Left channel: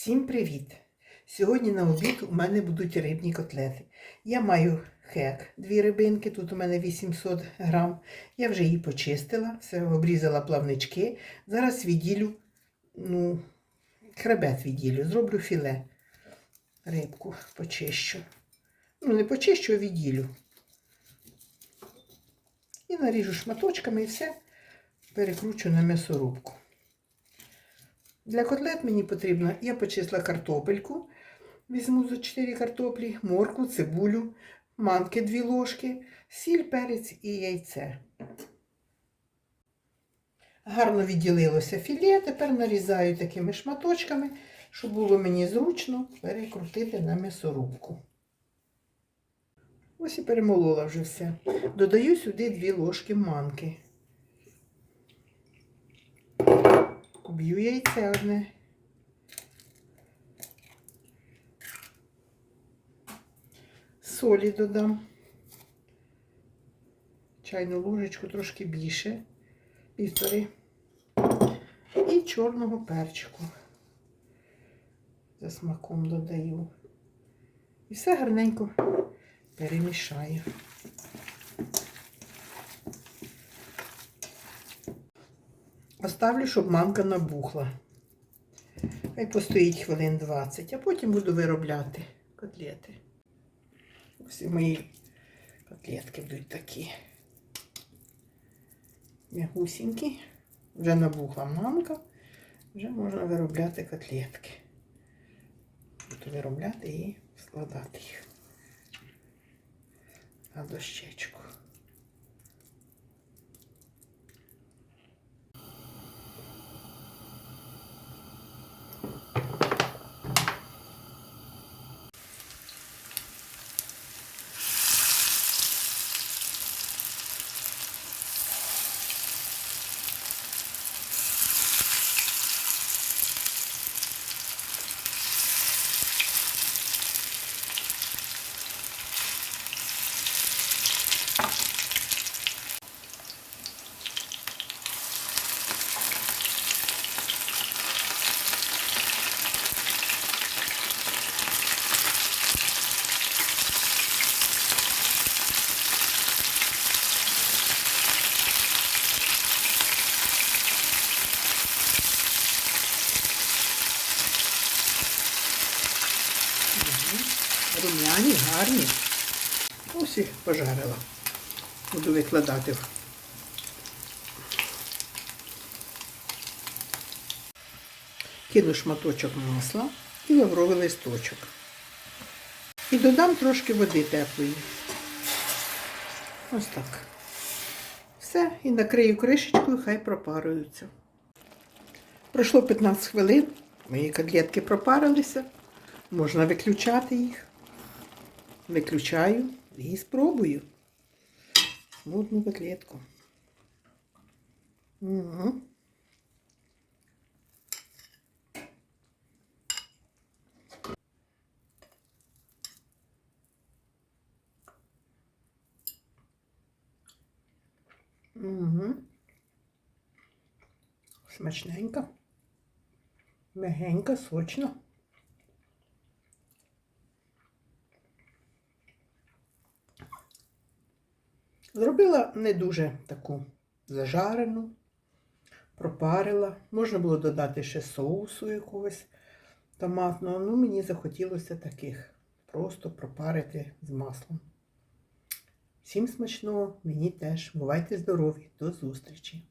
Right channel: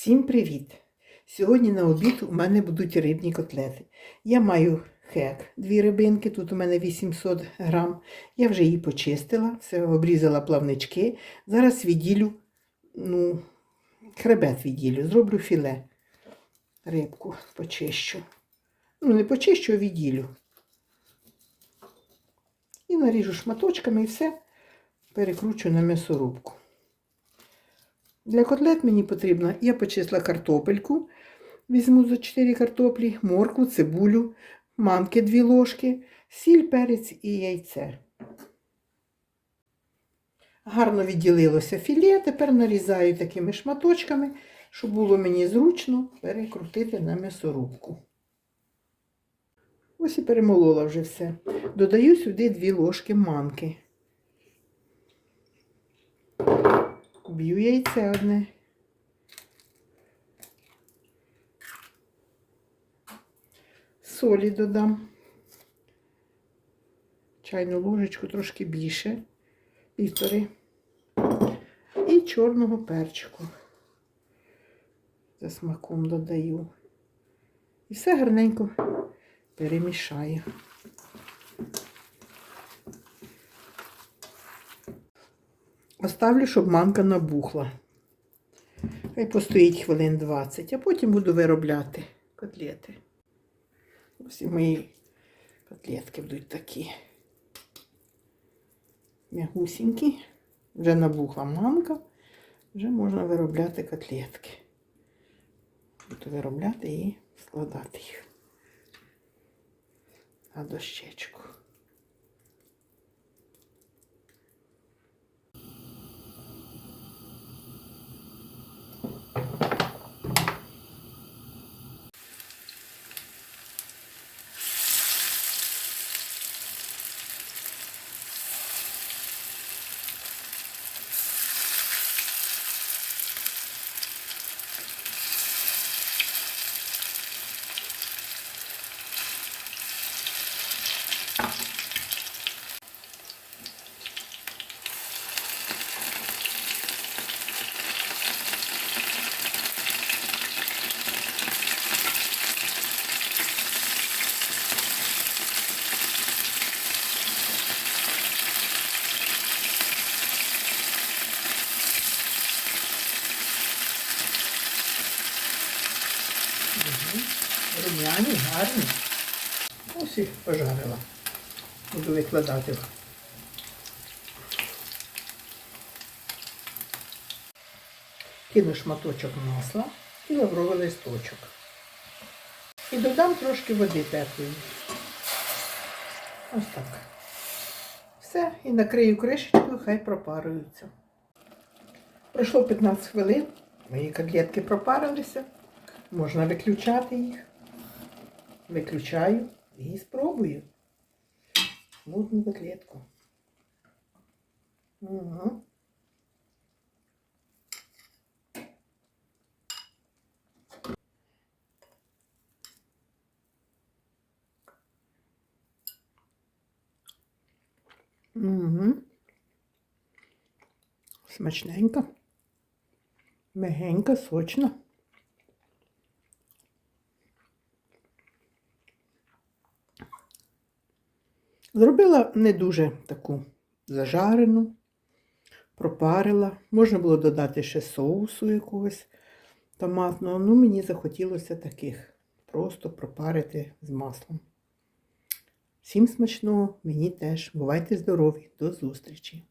Всім привіт! Сьогодні на обід у мене будуть рибні котлети. Я маю хек, дві рибинки, тут у мене 800 грам. Я вже її почистила, все обрізала плавнички. Зараз відділю, ну, хребет відділю, зроблю філе. Рибку почищу. Ну, не почищу, а відділю. І наріжу шматочками і все перекручу на м'ясорубку. Для котлет мені потрібно, я почисла картопельку, візьму за 4 картоплі, моркву, цибулю, манки 2 ложки, сіль, перець і яйце. Гарно відділилося філе, тепер нарізаю такими шматочками, щоб було мені зручно перекрутити на м'ясорубку. Ось і перемолола вже все. Додаю сюди 2 ложки манки. Б'ю яйце одне. Солі додам. Чайну ложечку трошки більше, півтори. І чорного перчику. За смаком додаю. І все гарненько перемішаю. Оставлю, щоб манка набухла. Хай постоїть хвилин 20, а потім буду виробляти котлети. Ось мої котлетки будуть такі м'ягусінькі. Вже набухла манка, вже можна виробляти котлетки. Буду виробляти і складати їх на дощечку. Рум'яні, гарні. Ось їх пожарила. Буду викладати. Кину шматочок масла і лавровий листочок. І додам трошки води теплої. Ось так. Все, і накрию кришечкою, хай пропаруються. Пройшло 15 хвилин, мої котлетки пропарилися. Можна виключати їх. Виключаю і спробую. Смутну котлетку. Угу. Угу. Смачненько. Мягенько, сочно. Зробила не дуже таку зажарену, пропарила. Можна було додати ще соусу якогось томатного. Ну, мені захотілося таких. Просто пропарити з маслом. Всім смачного, мені теж. Бувайте здорові, до зустрічі!